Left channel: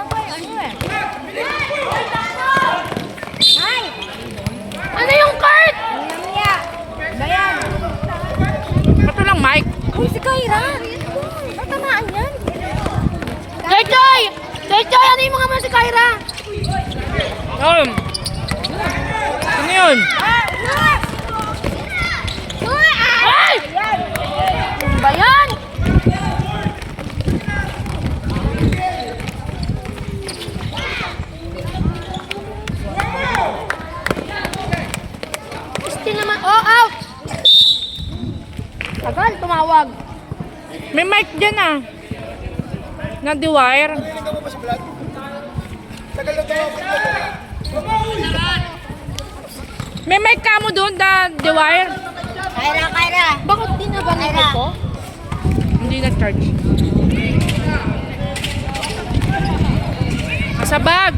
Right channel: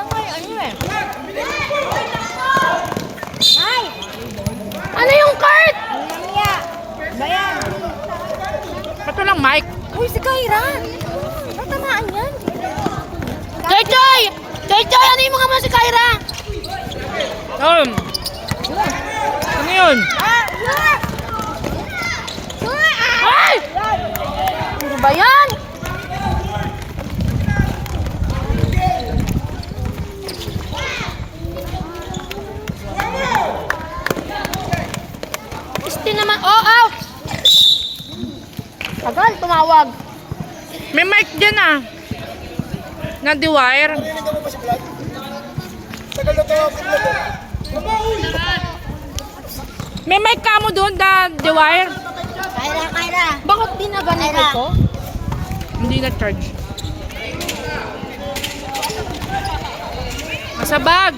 Yan nga yung ano eh. Ay! Ano yung cart? Bayan. Ito lang, Mike. Uy, si Kyra. Tatamaan yan. Choy Choy! Choy Choy! Ano yung mga ba si Kyra? Ano yun? Hey! Ano ba yan? Gusti naman. Oh, out! Tagal, tumawag. May mic dyan ah. Na the wire. May mic ka mo doon, the wire. Kyra. Bakit di na ganito ko? Hindi na-charge. Nasa bag.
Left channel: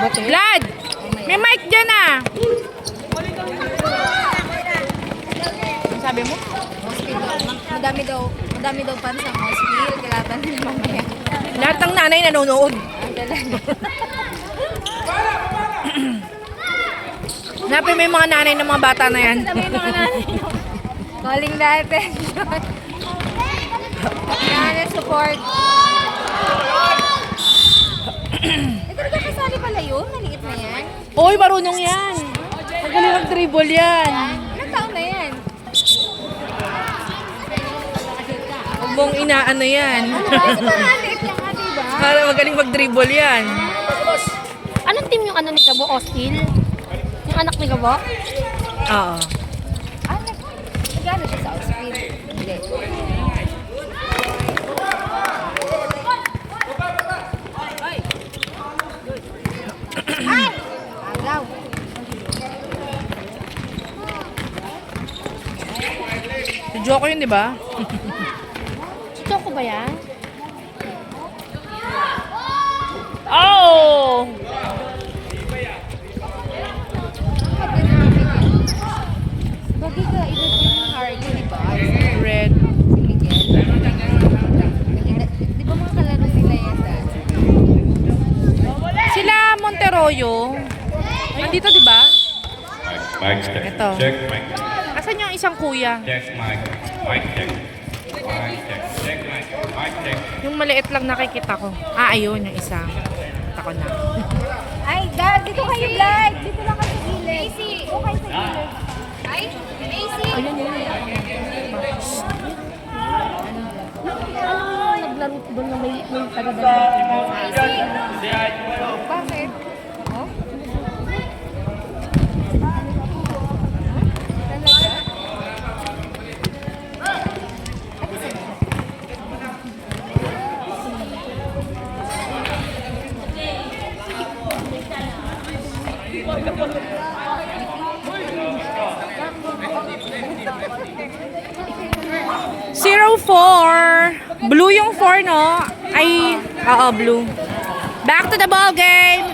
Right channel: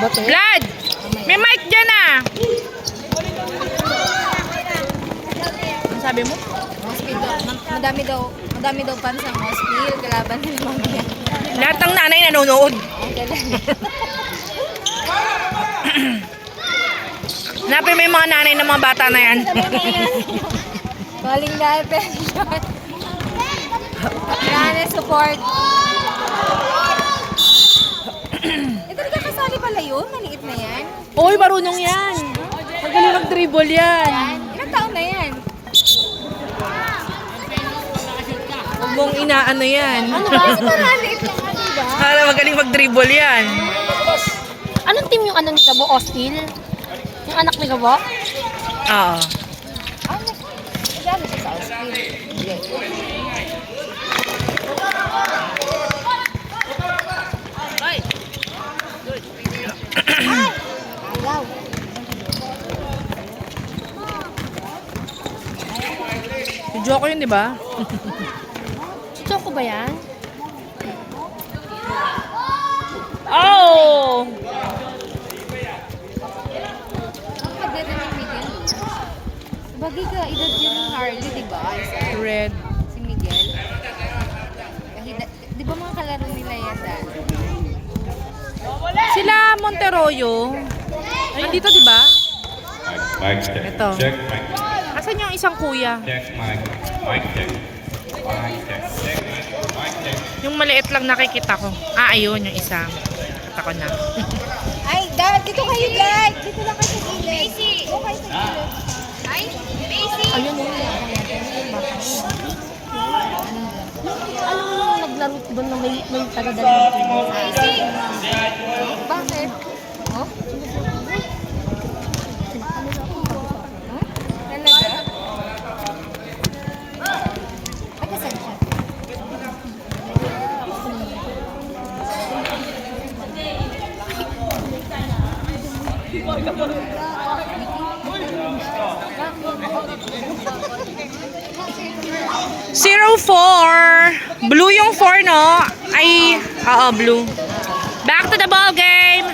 Vlad! May mic dyan ah. Ano sabi mo? Madami daw fans ang spear. Kalaban nila yan. Lahat ng nanay nanonood. Hanapin mo yung mga nanay ng mga bata na yan. Calling the attention. Nanay support. Talaga kasali pala yun? Maliit na yan? Oy, marunong yan. Magaling mag-dribble yan. Ilang taon na yan? Huwag mong inaano yan. Ano ba? Isa parang maliit na nga, diba? Para magaling mag-dribble yan. Anong team yung ano ni Gabo? Ostil? Yung anak ni Gabo? Oo. Gano'n siya sa Ostil? Hindi. Ay! Agaw. Si Joko yun, di ba? Choco ba yan? Oh! Bagi ka, edad yun ni Harley, di ba? Red. Si Miguel. Di ba mga kalaro nila yan dati? Sila Monteroyo. Andito, di ba? Mic check. Ito. Check mic. Asan yung isang kuya? Check mic. Mic check. Mic check. Check mic. Mic check. Yung maliit lang nakikita ko. Ah, ayun, yung isa. Nakita ko na. Ay, dad, dito kayo, dad. Dito lang kayo sa gilid. Macy! Okay sa gilid. Ay, Macy! Ayun yun. Naglaro ko doon na may tagadala. Macy! Bakit? Oh? Zero 4. Blue yung 4, no? Ay, oo, blue. Back to the ball game.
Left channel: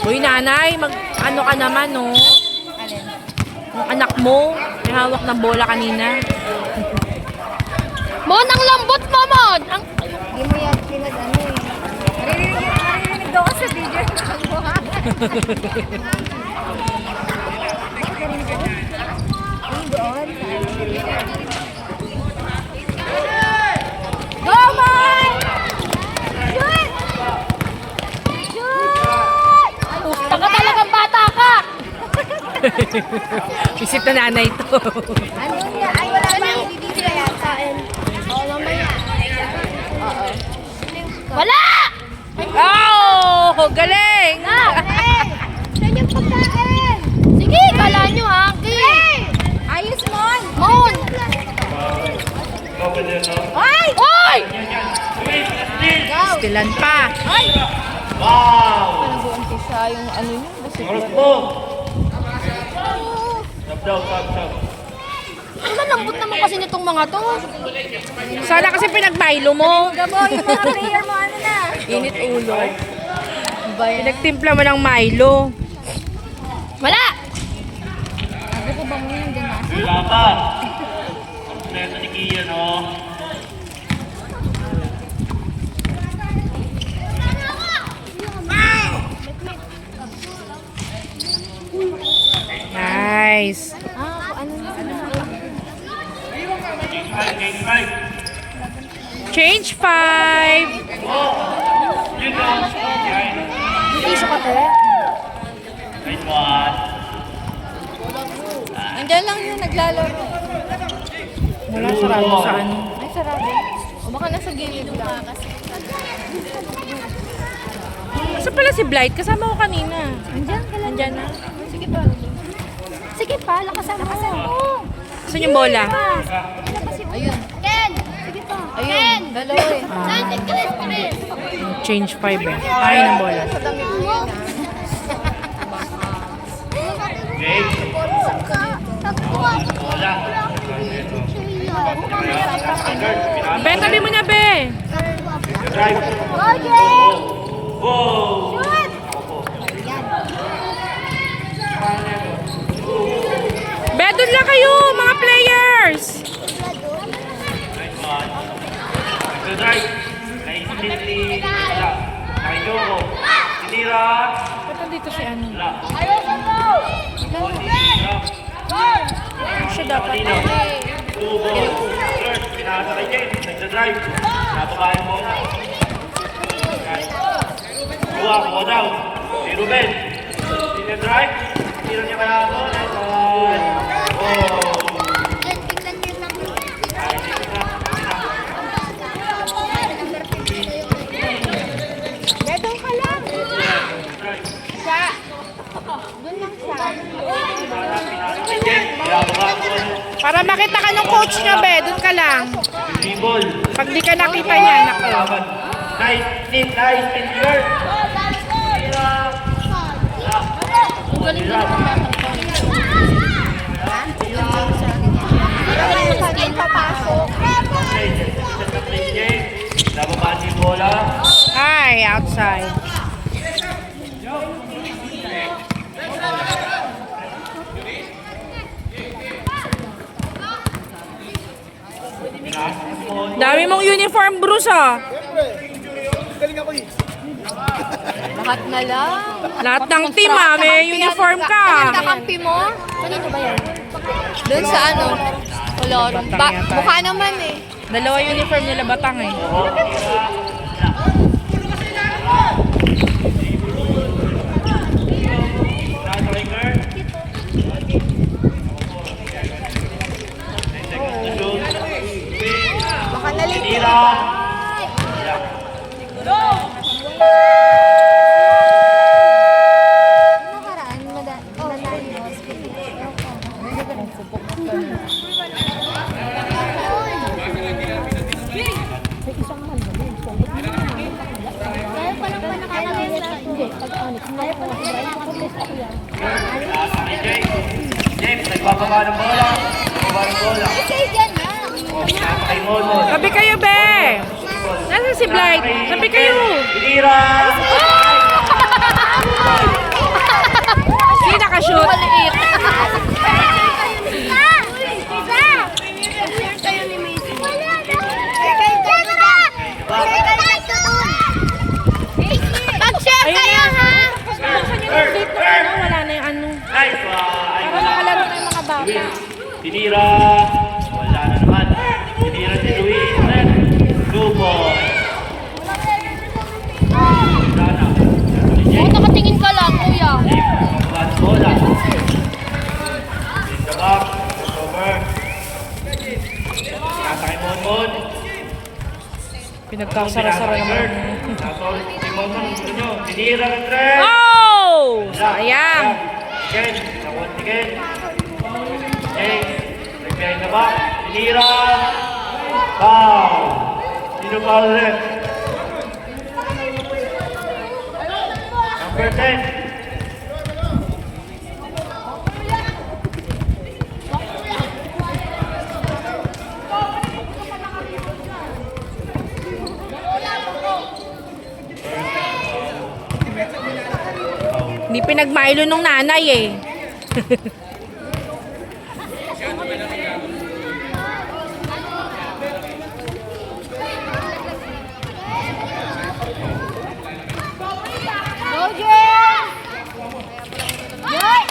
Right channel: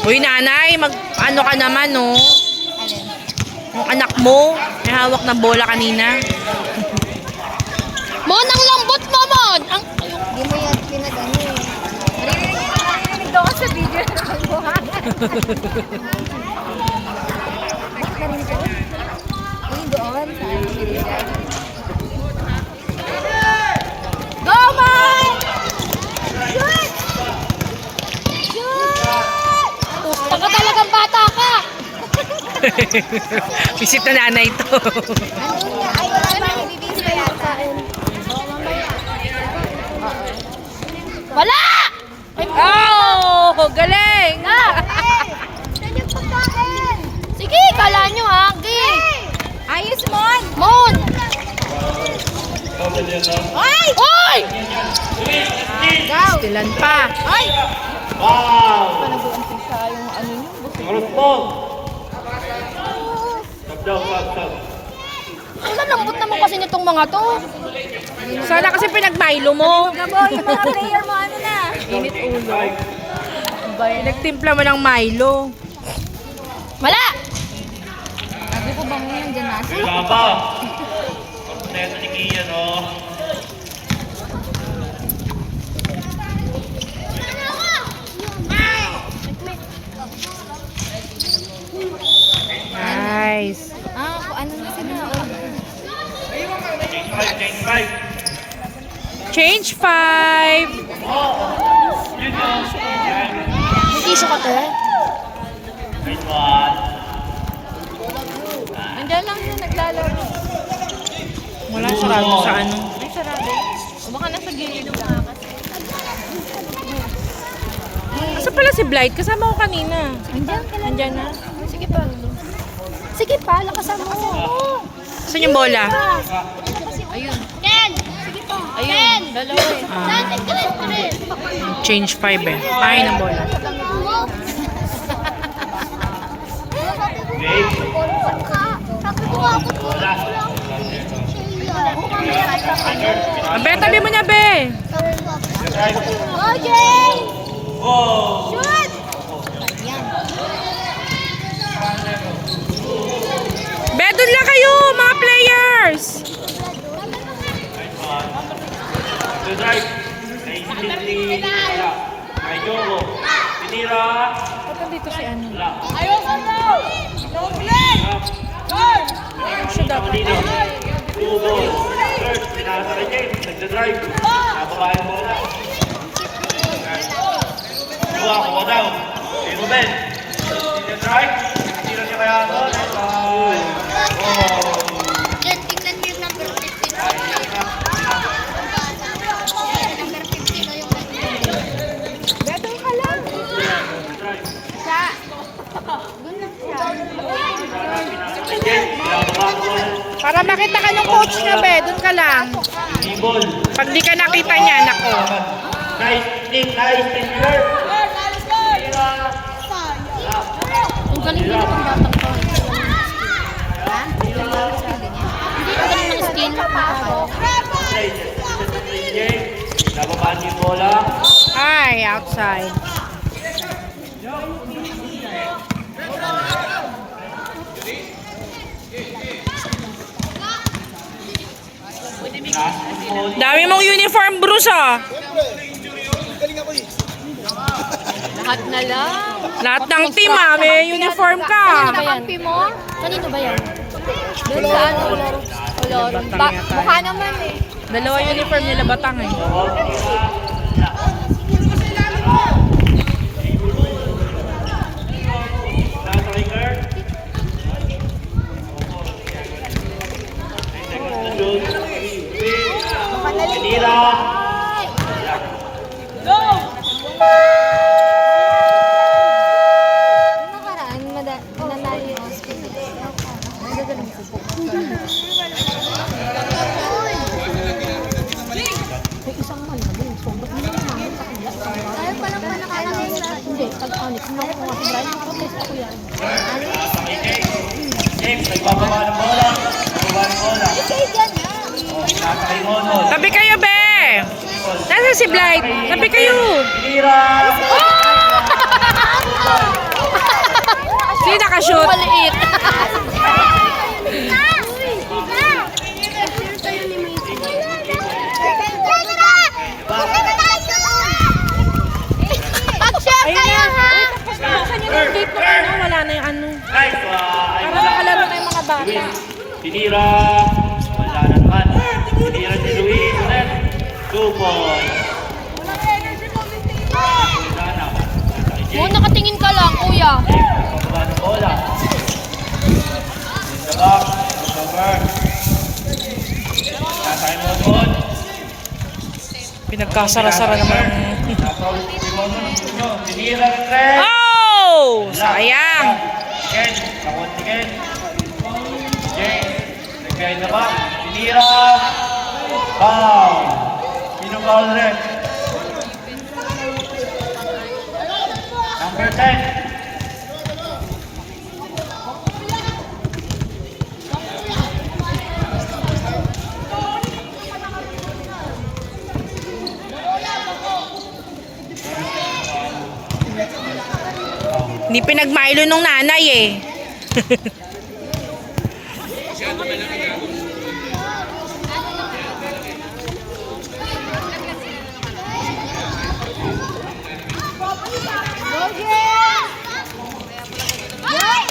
Uy, nanay, ano ka naman, no? Yung anak mo, may hawak na bola kanina. Mon, ang lambot mo, Mon! Hindi mo yan pinag-ano eh. Maririnig daw ka sa video na nakakuha. Bakit narinig ko? Hindi, ewan sa Go, Mon! Shoot! Shoot! Gusto ka talagang bata ka! Visit na nanay ito. Andun niya, ay wala na yung bibigyan yan sa akin. Wala! Oh, galing! Saan yung pagkain? Sige, kala nyo ha. Ayos, Mon! Mon! Ay! Ay! Stilan pa. Nag-uumpisa yung ano nyo. Ang lambot naman kasi nitong mga to. Sana kasi pinag-Milo mo. Gabo, yung mga player mo ano na. Init ulo. Pinagtimpla mo ng Milo. Wala! Sabi ko bang yun dyan nasa? Wala pa. Kompleto ni Kian, oh. Nice. Ano na sila? Change 5. Yun na. Yan. Hindi siya katira. Nice one. Nandiyan lang yung naglalaro. Wala sarado sa ano. May sarado. Baka nasa gilid ng mga kasi. Asa pala si Blight? Kasama ko kanina. Nandiyan. Andyan na. Sige pa. Sige pa, lakasan mo. Saan yung bola? Ayun. Ten! Sige pa. Ayun. Dalawa. Change 5 eh. Pahay ng bola. Wala. Abe, tabi mo niya, be. Go! Be, doon lang kayo, mga players. Nice one. Good drive. Kay Cindy. Wala. Kay Joko. Tinira. Ba't nandito si ano? Wala. Siya dapat. Two goals. Third, pinasa kay Jane. Nagda-drive. Nababayan mo na. Dua, kuha daw. Si Ruben. Tinira-drive. Tira niya kaya ako. Gadong ka lang. Sa. Para makita ka ng coach niya, be. Doon ka lang. Ibol. Pag di ka nakita niya, nako. Nice, nice, nice. Ang galing din ng batang to. Hindi ka galing ng skin. Nababaan yung bola. Hi, outside. Dami mong uniform, Bruce, ah. Lahat na lang. Lahat ng team, ah. May uniform ka. Nakampi mo? Kanino ba yan? Doon sa ano? Wala. Batang yata. Mukha naman eh. Dalawa uniform nila Batang, eh. Baka naling. Tira. Nakaraan, nanalo yung hospital. Kaya pala pa nakalayo sa hindi. Pag-anik. Kaya pala James, nagbababa ng bola. Nagbababa ng bola. Kasi dyan na. Kay Mono. Tabi kayo, be. Nasaan si Blight? Tabi kayo. Tira. Sino nakashoot? Maliit. Kayo ni Macy. Pag-share Ayun kayo na. ha! Buksan niyo na yung gate ng ano. Wala na yung ano. Nice one. Para makalaro na yung mga bata. Tinira. Wala na naman. Tinira si Luis. Two ball. Oo, nakatingin ka lang, kuya. Nagbababa ng bola. In the box. Over. Nasa kay Mono. Pinagkasara-sara naman. Tinira ni Trent. Oh! Sayang. Ken, sakot si Ken. Jay, prepare na ba? Tinira. Foul. Sino foul rin? Number 10. Di pinagmailo nung nanay eh. Go, Jen! Yay!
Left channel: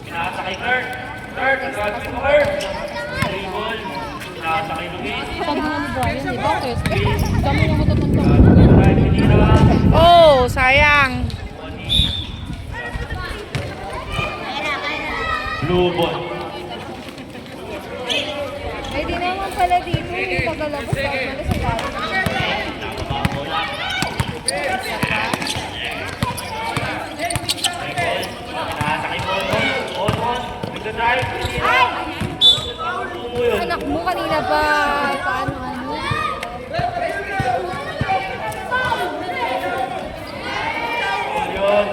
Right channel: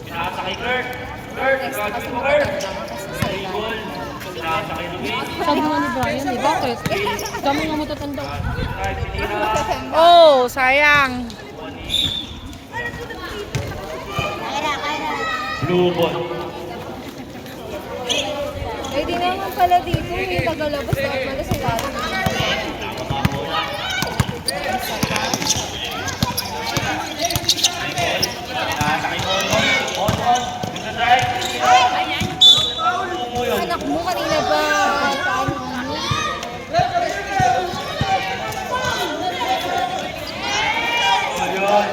Pinasa kay Kurt. Kurt, gagawin mo Kurt. Dribble. Pinasa kay Luis. Sabi nga ni Brian, eh, bakit? Kami nga matatanda. Drive sinira. Oh, sayang. Blue ball. Ay, di naman pala dito. Yung paglalabas na pala sa dati. Pinasa kay Mono. On. Nagda-drive. Sinira. Mo yun. Anak mo kanina pa. Paano ano? Yun.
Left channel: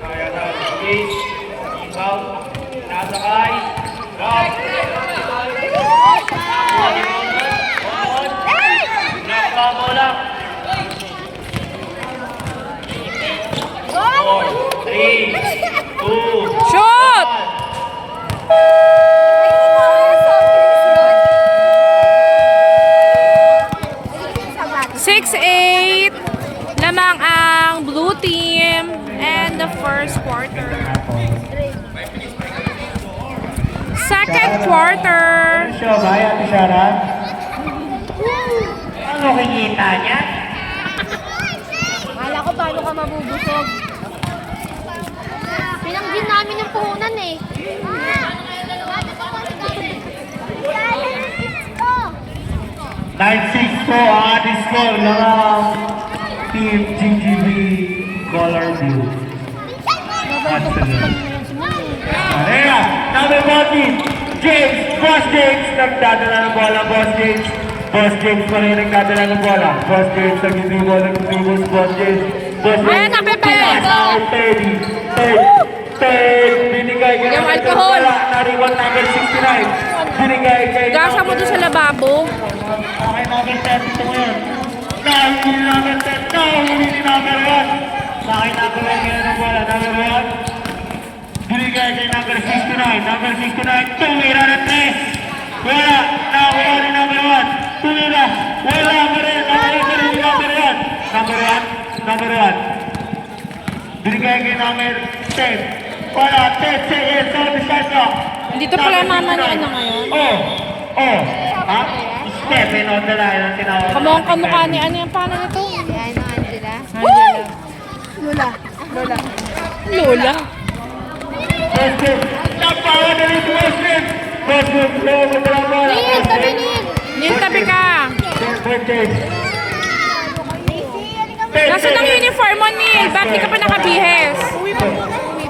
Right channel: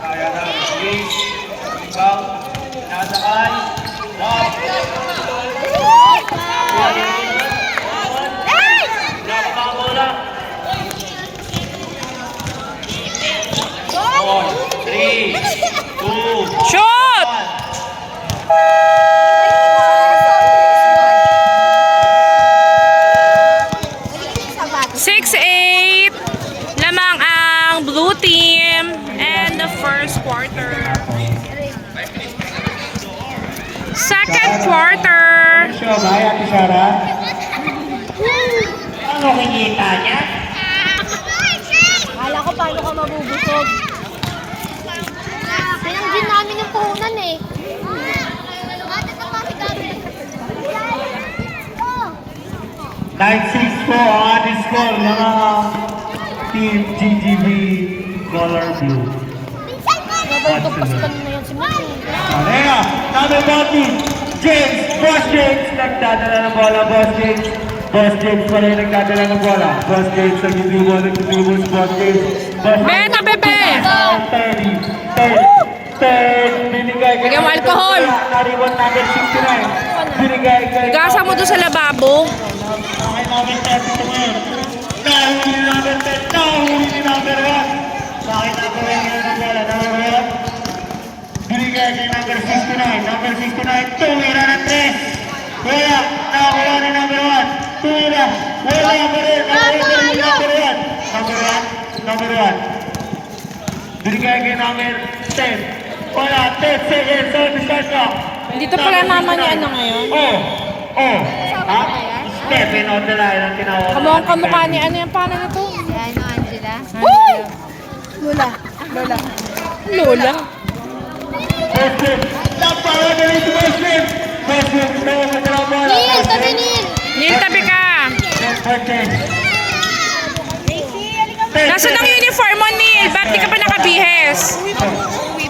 Kaya na. Release. Ikaw. Pinasa kay. Drop. Bola. 3, 2, Shoot! 6-8. Lamang ang blue team and the first quarter. Second quarter. Show ba yan, Shara? Ano kinita niya? Kala ko paano ka mabubusog. Pinanggin namin ng puhunan eh. Type 6 po ang ating score ng Team GGB Color Blue. Once again. Arena, number 40, James, Boss James, nagdadala ng bola, Boss James. Boss James pa rin nagdadala ng bola. Boss James, nagdidribble si Boss James. Boss James, Benta, Pepe! 30, binigay ko Bigyan mo alcohol. Nariwan number 69. Binigay kay... Gasa mo doon sa lababo. Okay, number 30 ngayon. Nahuli ni number 30. Nahuli ni number 1. Bakit number 1 ngayon ang bola? Number 1. Binigay kay number 69. Number 69. Tumira ng 3. Wala. Nakakuha ni number 1. Tumira. Wala pa rin. Nakakuha ni number 1. Number 1. Number 1. Binigay kay number 10. Wala. 10 seconds. Dito pala mama ni ano ngayon. Ha? Stephen Odela yung tinawag. Kamukhang kamukha ni ano yung paano nito? Yan, Angela. Angela. Lola. Lola. Lola. Muslim! Napaka na rin si Muslim! Muslim! Neil, tabi Neil! Neil, tabi ka. Birthday! Nasaan ang uniform mo, Neil? Ba't di ka pa nakabihes? Uwi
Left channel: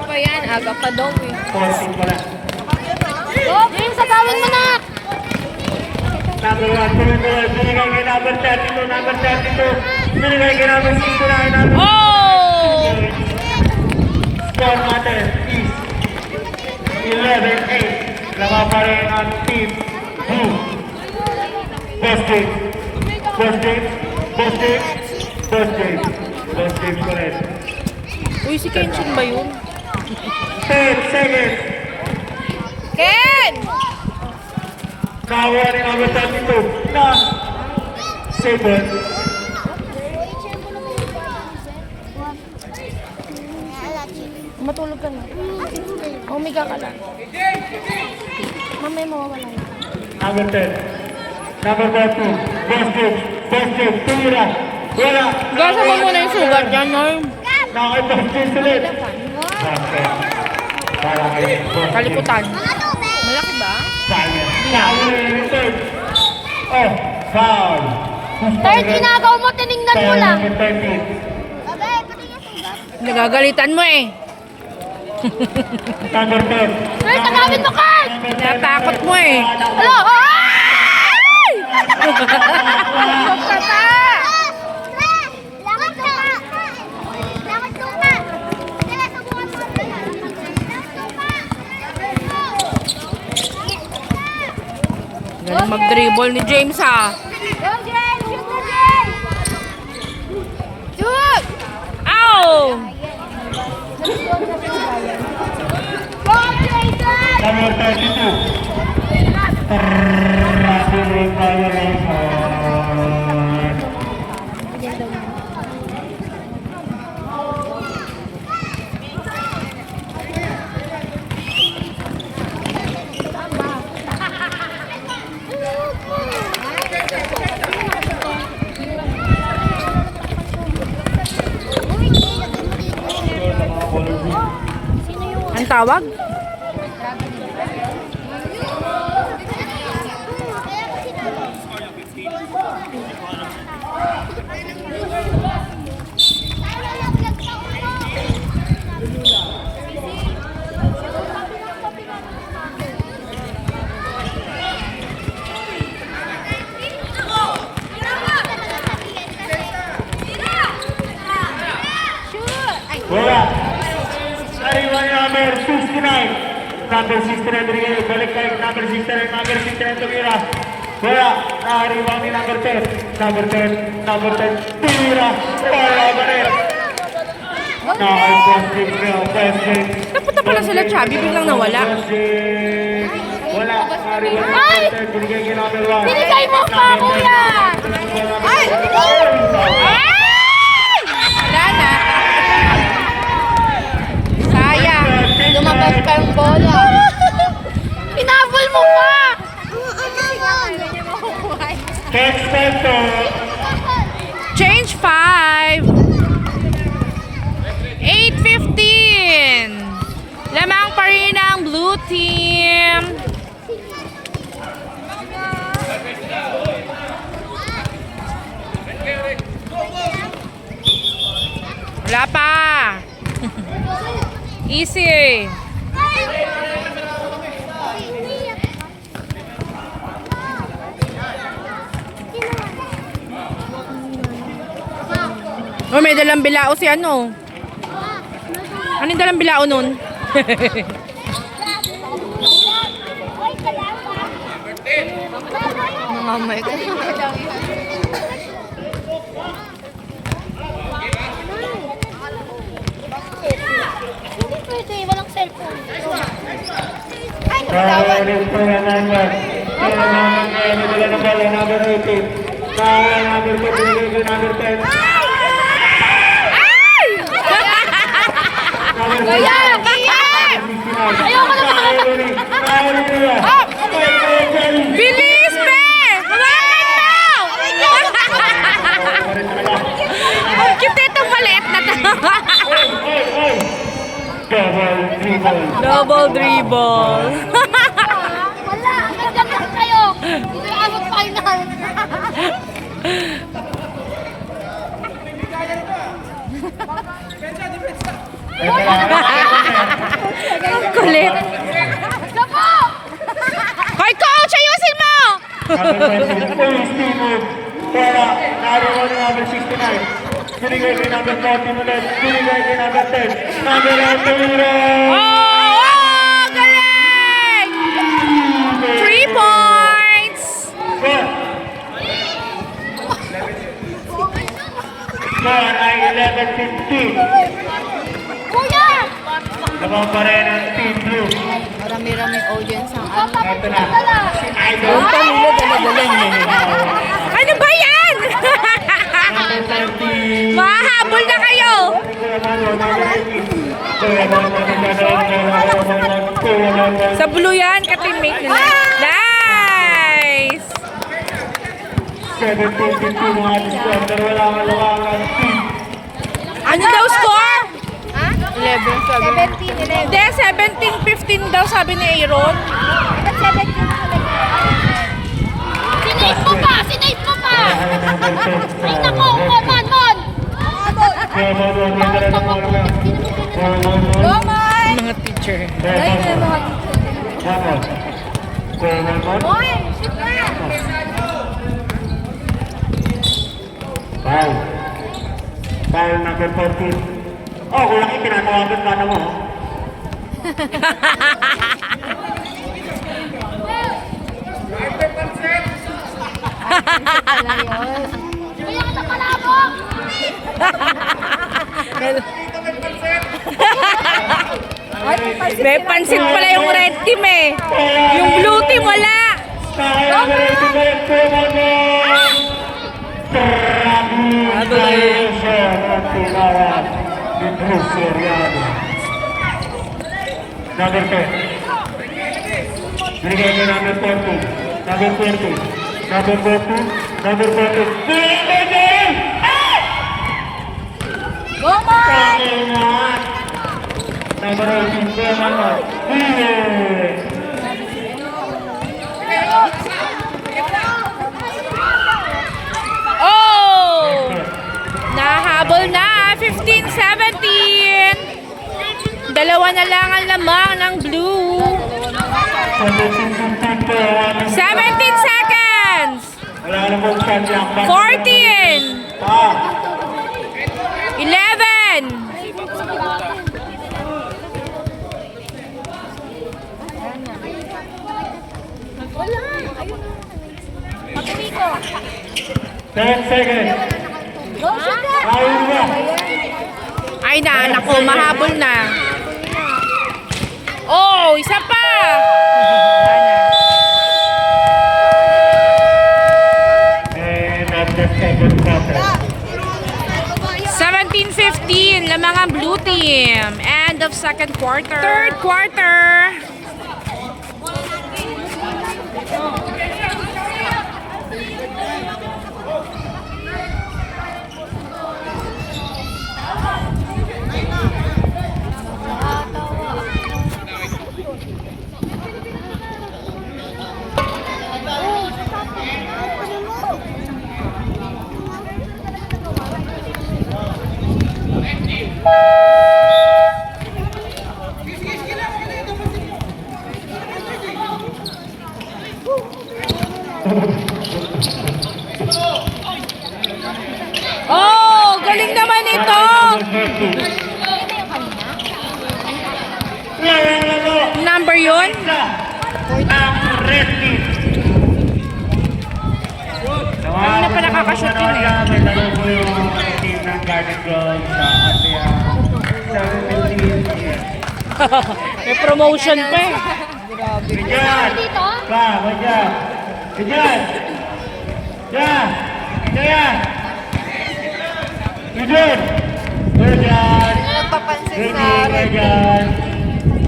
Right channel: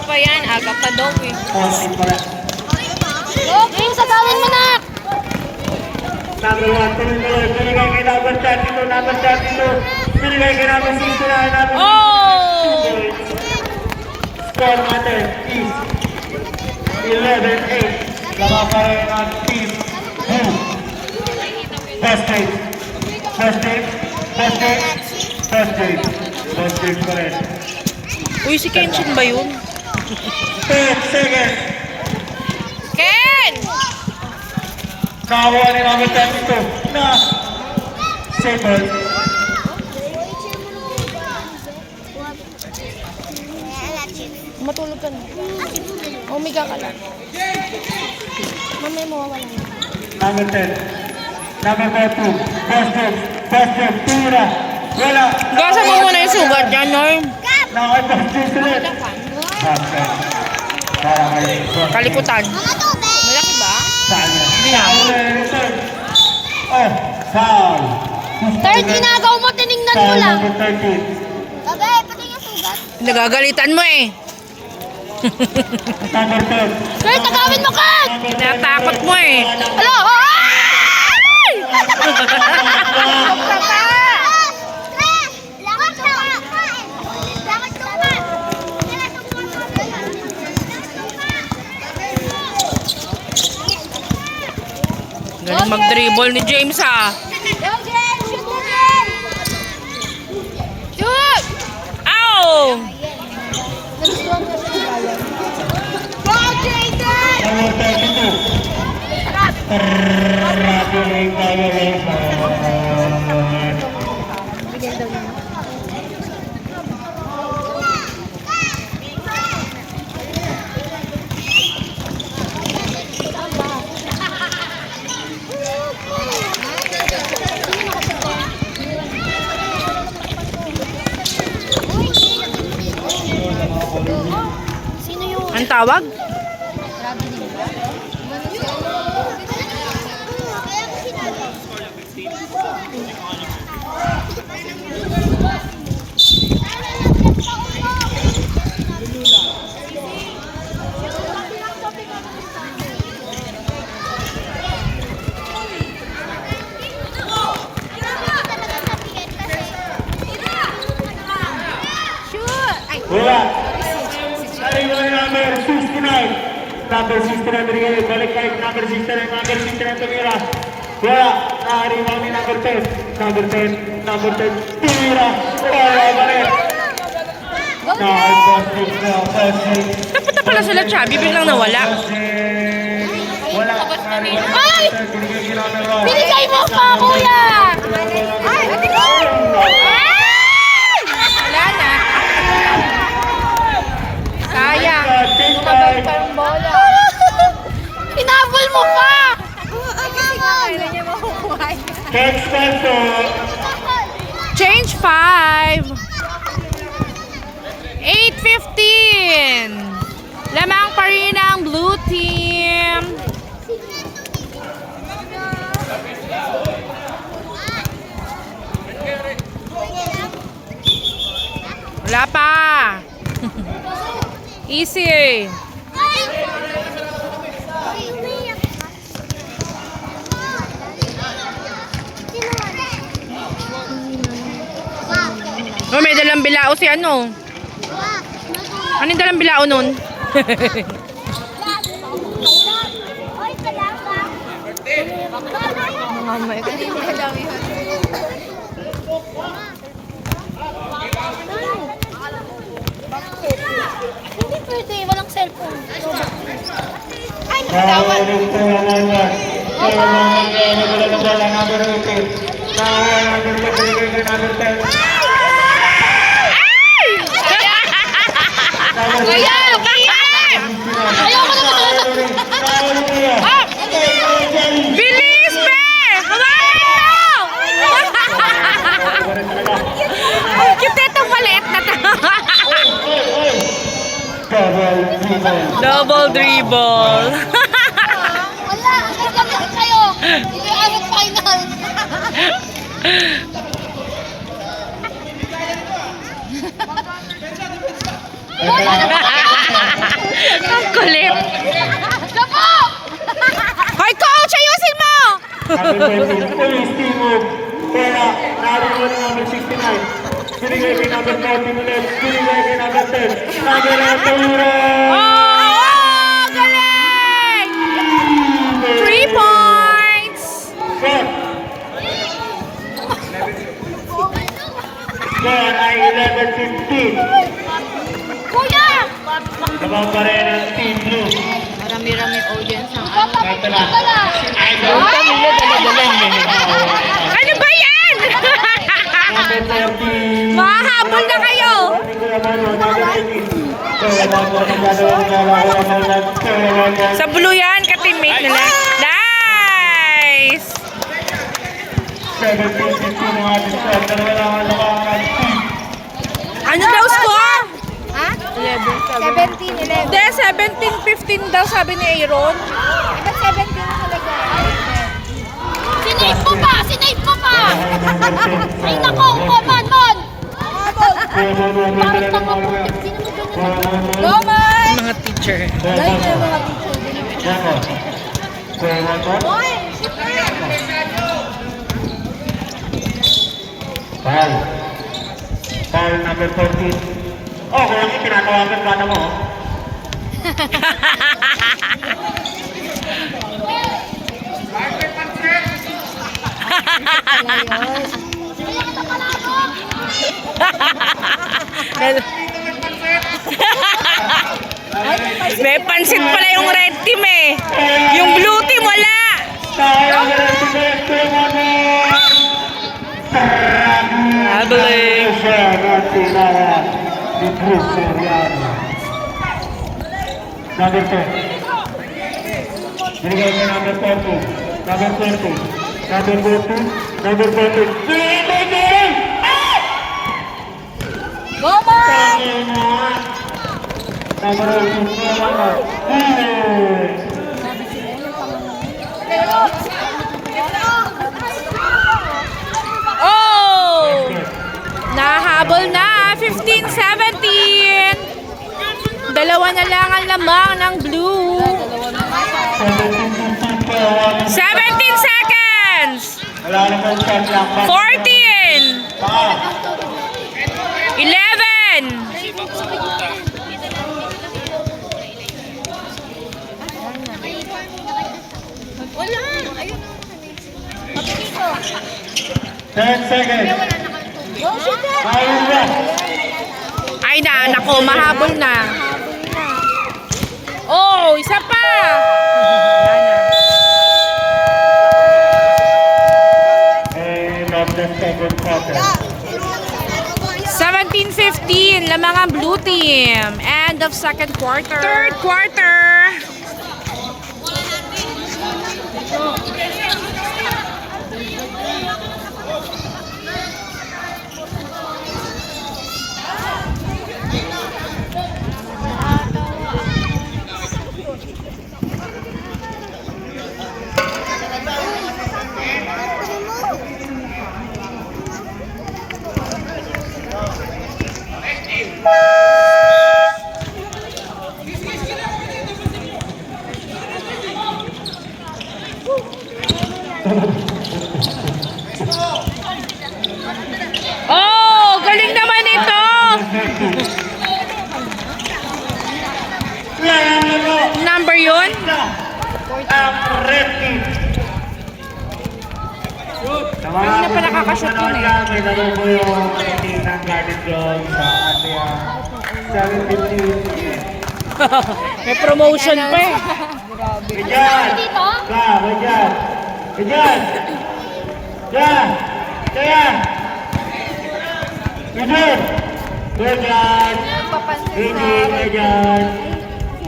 pa yan, aga pa daw eh. Oh, Neil, sasawan mo na! Number 1, binigay kay number 32, number 32. Binigay kay number 69, number Oh! Score natin is 11-8. Lama pa rin ang team Blue. Best game. Best game. Best game. Best game. Best game pa rin. Uy, si Kenshin ba yun? 10 seconds. Ken! Nakakuha ni number 32 na 7. Matulog ka na. Humiga ka lang. Mamaya mawawala na. Number 10. Number 32. Best game. Best game. Tumira. Wala. Gasa mo muna yung sugat yan, Norm. Nakakabang game ulit. Para kayo. Kaliputan. Malaki ba? Sayang. Sayang na yung return. Oh, foul. Third, ginagaw mo, tinignan mo lang. Number 13. Nagagalitan mo eh. Number 10. Third, tanawin mo ka! Natakot mo eh. Hello! Mag-dribble ni James ah. Go, Jen! Shoot mo, Jen! Shoot! Ow! Go, Jason! Number 32. Congratulations, congratulations. Ang tawag? Wala. Sariwan number 69. Number 69 binigay. Balik kayo number 69. Number 69 tumira. Wala. Nakariwan ni number 10. Number 10. Number 10. Tumira. Wala ba rin? Nakal-first break na. First break. Napunta pala sila Chubby, biglang nawala. Wala. Nakariwan ni number 10. Binigay kay number 1. Binigay mo pa, kuya! Ay! Wala na. Sayang. Lumabas pa yung bola. Hinabol mo pa! Next photo. Change 5. 8:15. Lamang pa rin ang blue team. Wala pa. Easy. Oh, may dalang bilao si ano. Ano yung dalang bilao nun? Hindi pwede, walang cellphone. Nakariwan po naman yan. Kaya naman kayo na wala na ba lang number 18. Nakariwan number 10. Binigay kay number 10. Kuya! Bilis, be! Hawakan mo! Ang cute itong maliit na to. Double dribble. Wala! Nagkakaroon kayo! Hindi abot final! Ang kulit. Hoy, coach! Ayusin mo! Pera, nariwan na number 69. Binigay kay number 40 ulit. Binigay kay number 10. Number 8 ulit. Oh, galing! 3 points! Kaya ay 11-15. Kuya! Naman pa rin ang Team Blue. Marami-rami audience ang ano. Ito na. Yung pamilya dala-dalan eh. Ano ba yan? Number 30. Mahahabol na kayo! Sa blue yan, ka-teammate nila. Nice! 17-15 mga discord. Dalawa lang ang labangan. Ano daw score? 17, 11. Hindi, 17-15 daw sabi ni Aaron. Ba't 17 talaga? Sinape mo pa! Sinape mo pa! Ay nako! Mon! Mon! Mga teacher. Mon! Shoot na! Foul number 14. Oh, kaya kayo pinatawagan ka na mo. Marker Pancet! Kaya kita palabok! May pansit pala yung red team eh. Yung blue team wala. Habling. Number 10. Binigay ko number 40. Number 40. Number 40. Number 40. Binigay! Pangina! Number 18. Oh! Nahabol na. 15-17. Dalawa na lang ang lamang ng blue. 17 seconds. Wala na pong 14. 11. Wala. Ayun na. 10 seconds. Ayun na. Ay na, nako, mahabol na. Oh, isa pa. Wala na. And of the second quarter. 17-15, lamang ang blue team. End of second quarter. Third quarter. Oh, galing naman ito. Number yun? Kanina pa nakakashoot yun eh. May laro po yung team ng Garden Gold sa ASEAN. 17. May promotion pa eh. Ganyan! Ka, ganyan! Ganyan! Ganyan! Ganyan! Ganyan! Ganyan! Ganyan! Ganyan!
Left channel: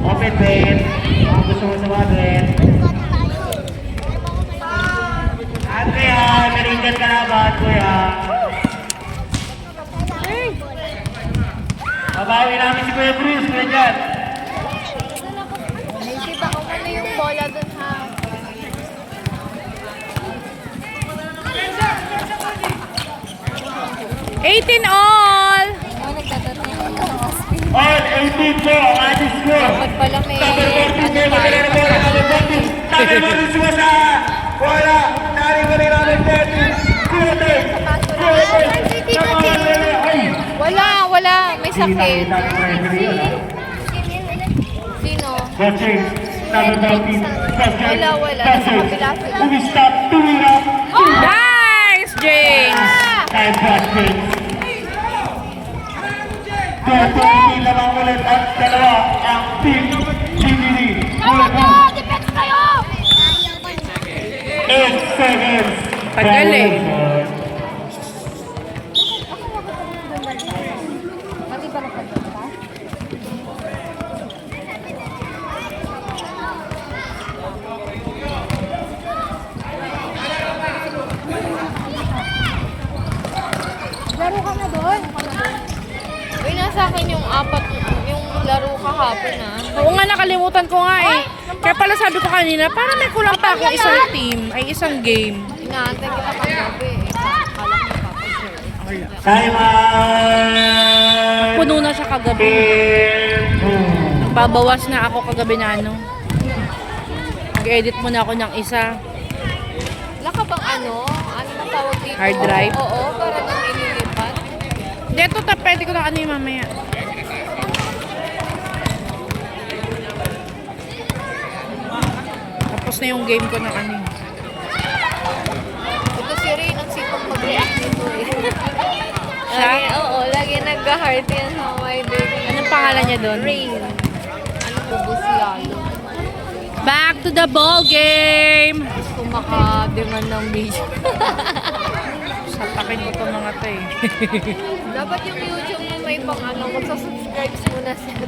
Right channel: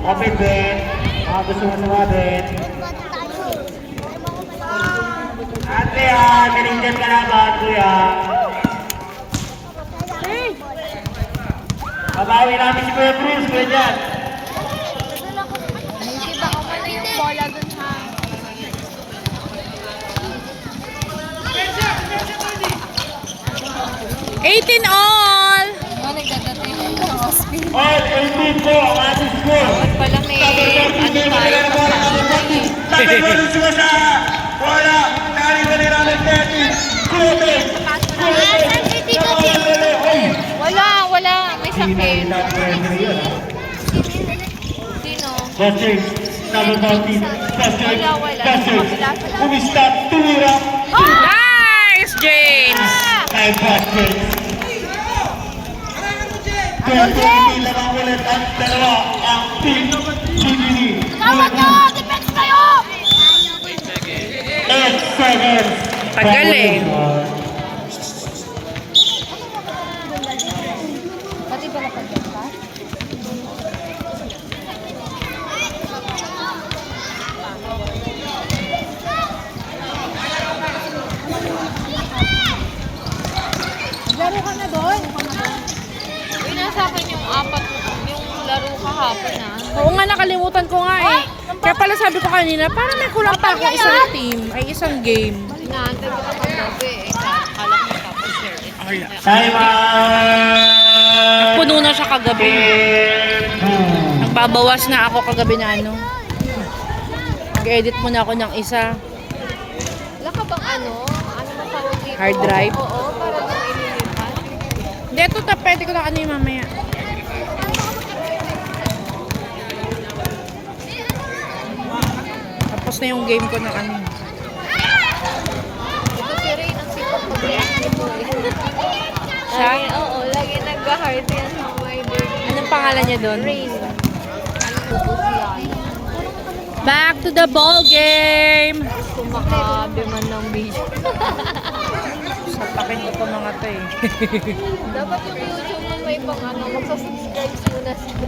Open bed. Mga gusto mo sumabit. At kaya, manager ka na ba, kuya? Mabawi natin si Kuya Cruz, kuya Jan. Naisip ako na yung bola dun sa... 18 all. All 18 po, ang ating score. Number 14, may magkala na bola, number 20. Number 1, sumasaya. Bola, narin ko na yung number 30. Kuya Wala. May sakit. Sino? Busting, number 14. Busting. Umistap, tumira. Nice, James. Ay, Busting. Dito, hindi lamang ulit ang dalawa ang team GDD. Tama nyo! Defense kayo! 8 seconds. Tagal eh. Laro ka na doon. Uy, nasa akin yung laro kahapon Oo nga, nakalimutan ko nga eh. Kaya pala sabi ko kanina, parang may kulang pa akong isang team, ay isang game. Inaantay ko ako gabi eh. Kala ko napapashare eh. Time out. Puno na siya kagabi. Nagbabawas na ako kagabi na ano. Nag-edit muna ako ng isa. Wala ka bang ano ba tawag dito? Hard drive. Oo, para doon ililipat. Dito ta, pwede ko na ano yung mamaya. Tapos na yung game ko ng ano. Ito Siya? Oo, lagi nagka-heart yan sa my birthday. Anong pangalan niya doon? Rain. Tubos yan. Back to the ball game! Kumaka-demand ng video. Sapakin ko to mga to eh. Dapat yung YouTube mo may pang ano, subscribe muna sila.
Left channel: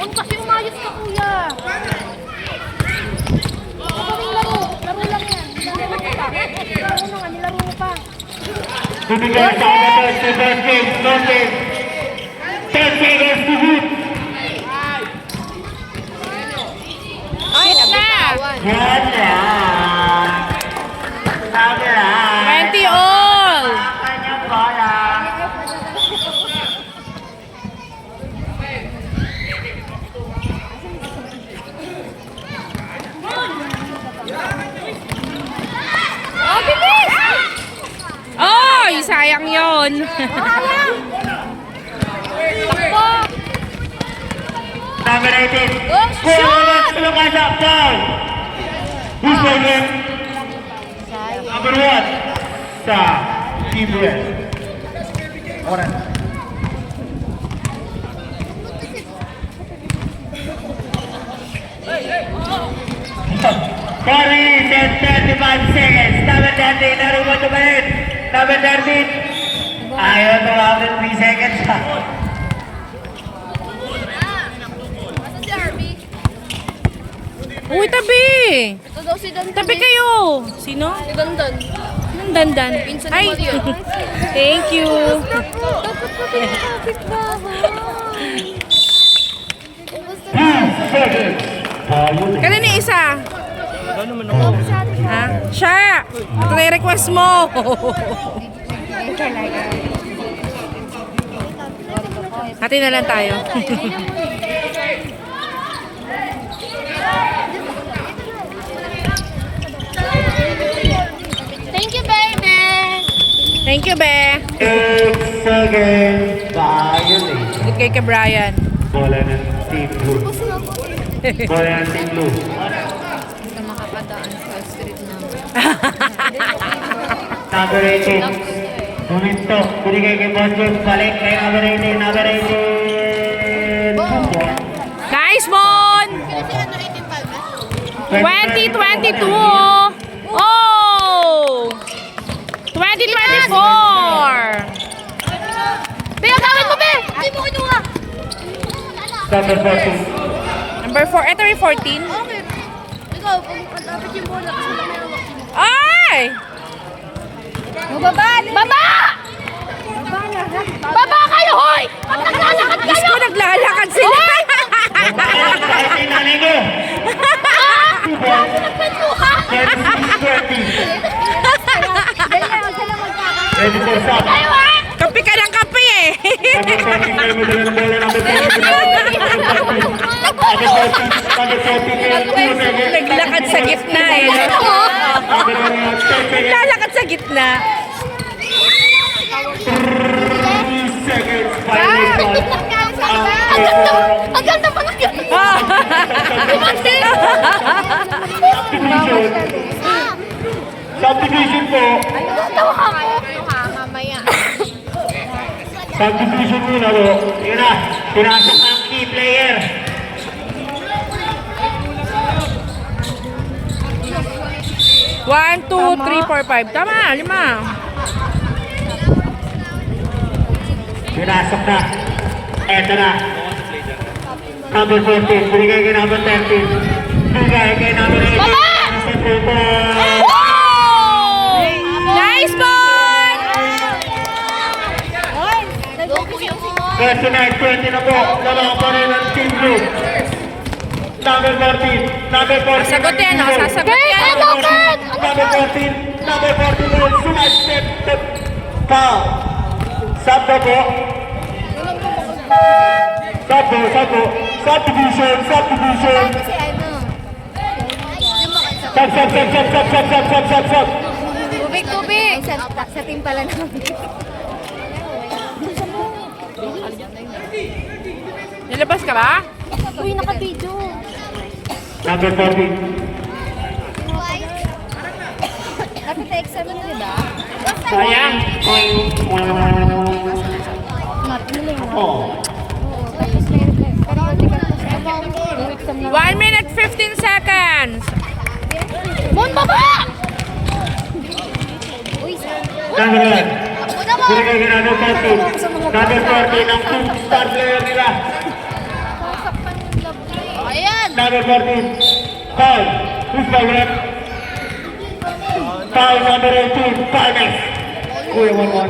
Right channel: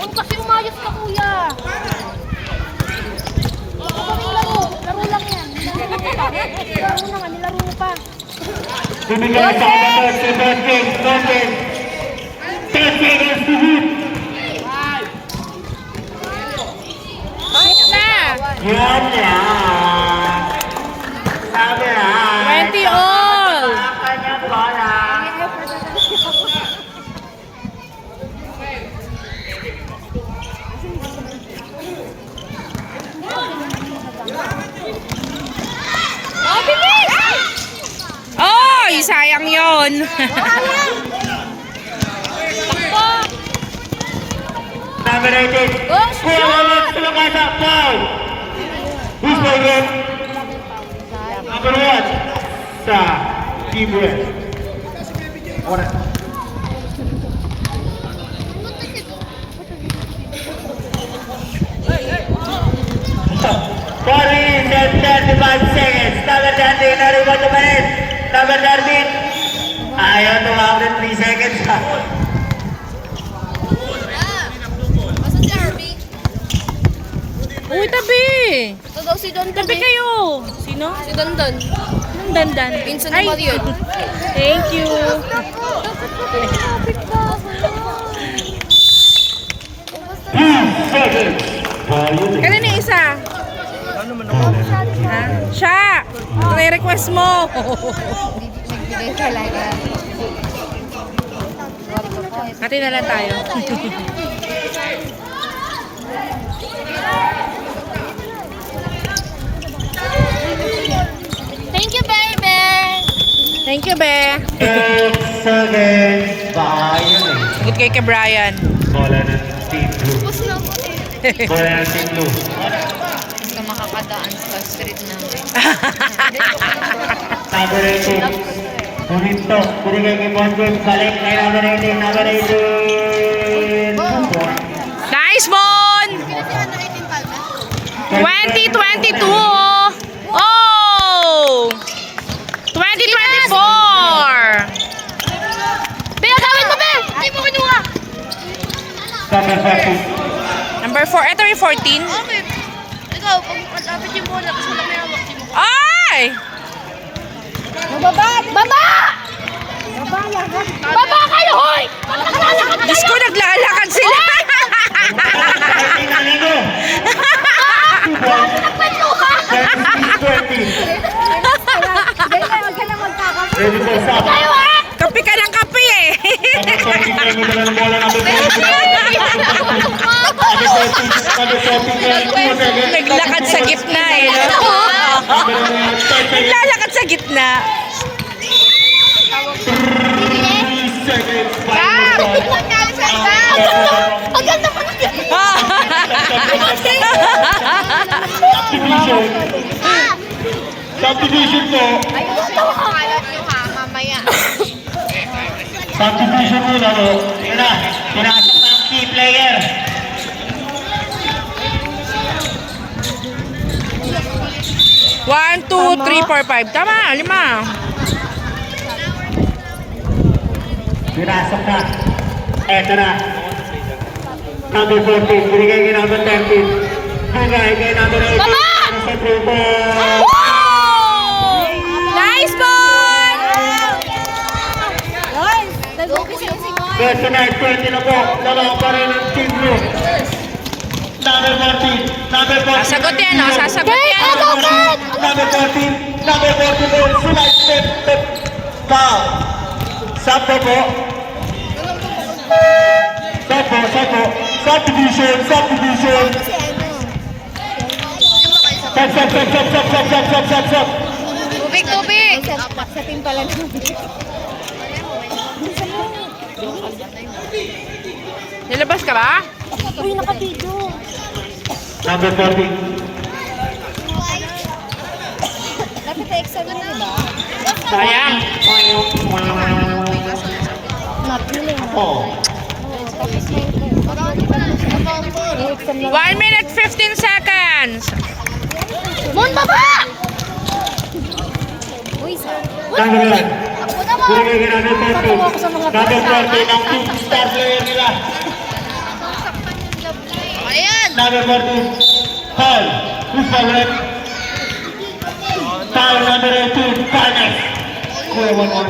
Yung kasi umayos ka kuya. Laro lang yan. Nilaro mo pa. Binigay sa kapatid si Benjin. Benjin. 10 seconds to hit. Shoot na! Yan yan. Sabi na. 20 all! Kanyang bola. Oy! Sayang yon. Number 18. Let's look at that foul. Who's playing? Number 1. Sa Team West. Ahora. Sorry, 35 seconds. Number 13, narubat umalit. Number 13. Ayaw tumawag 3 seconds pa. Uy, tabi! Ito daw si Don. Tabi kayo! Sino? Si Don Don. Anong dandan? Pinsan ni Mario. Thank you! 3 seconds. Ayun eh. Kailan yung isa? Ha? Siya! Ito na yung request mo! Hati na lang tayo. Thank you, baby. Thank you, be! 8 seconds. Ayun eh. Good kay kay Brian. Bola ng Team Blue. Tapos na ako eh. Bola ng Team Blue. Hindi ka makakadaan sa street namin. Number 18. Buminto. Binigay kay Bonjon. Balik kay number 18. Number 18. 2 points. Nice, Mon! 2022! Oh! 2024! Be, gawin mo, Be! Hindi mo kinuha. Number 13. Number 4. Ito yung 14. Okay. Ikaw, pag matapit yung bola, kasi wala may hawak. Ay! Mababa! Baba! Baba kayo, hoy! Ba't naglalakad Diyos ko, naglalakad sila. Nagpatluha! 36-20. Ready for stop. Kape ka ng kape eh. Number 14 kayo madala ng bola. Number 14. Number 14. Naglakad sa gitna. Naglalakad sa gitna. 3 seconds. Ang ganda pa ng Subdivision. Subdivision po. Tawa ka nga mamaya. Subdivision muna po. Yun na. Pinasok ang key player. One, two, three, four, five. Tama, 5. Pinasok na. Eto na. Number 14. Binigay kay number 13. Binigay kay number 18. Baba! Oh! Nice, Bon! 39-20 na po. Dalawa pa rin ang team blue. Number 14. Number 14. Sasagot yan, oh. Sasagot yan. Number 14. Number 14 po. Side step. Foul. Sab po. Sab. Subdivision. Kasi ano? Sab. Tubig! Sa team pala na. Nilabas ka ba? Uy, nakapidyo. Number 14. Nakita-exam na, diba? Sayang. Oh. 1 minute 15 seconds. Mon, baba! Number 1. Binigay kay number 14. Number 14 ang two star player nila. Ayan! Number 14. Paul. Who's the red? Paul number 18. Finest. Kuya mo.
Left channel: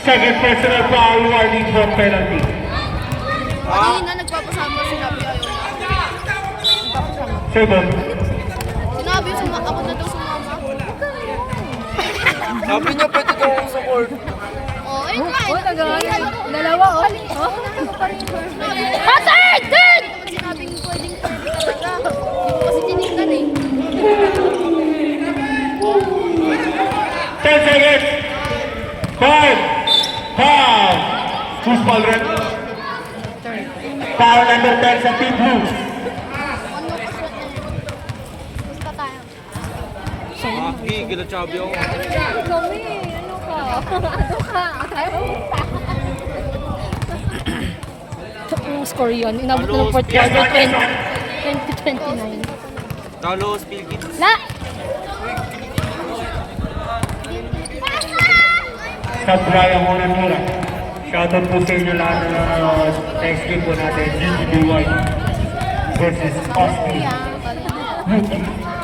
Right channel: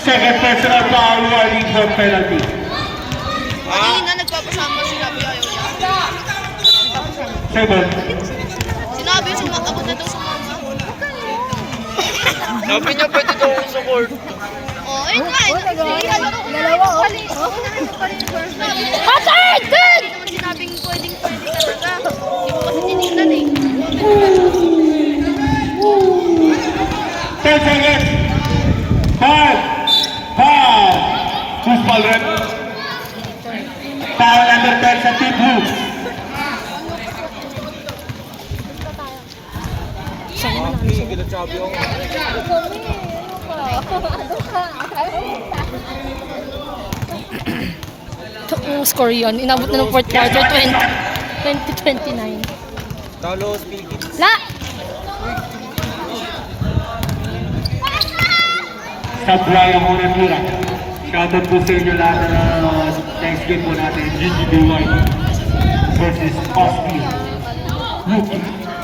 Second personal foul warning for penalty. Kanina nagpapasama sila, ayaw na. Second. Sinabi sa mga abot na daw sa mama. Sabi niyo pwede daw ako sa court. Oh, ayun nga. Dalawa, Hassan! Good! Sinabing pwedeng talaga. Hindi mo kasi tinignan eh. 10 seconds. 5. Foul. Who's foul red? Foul number 10 sa Team Blue. Ang score yun. Inabot na ng fourth quarter 2029. Carlos Philippines. La! Sa Brian Honentura. Shoutout po sa inyo lahat na next game po natin. Gigi Duwan versus Osby.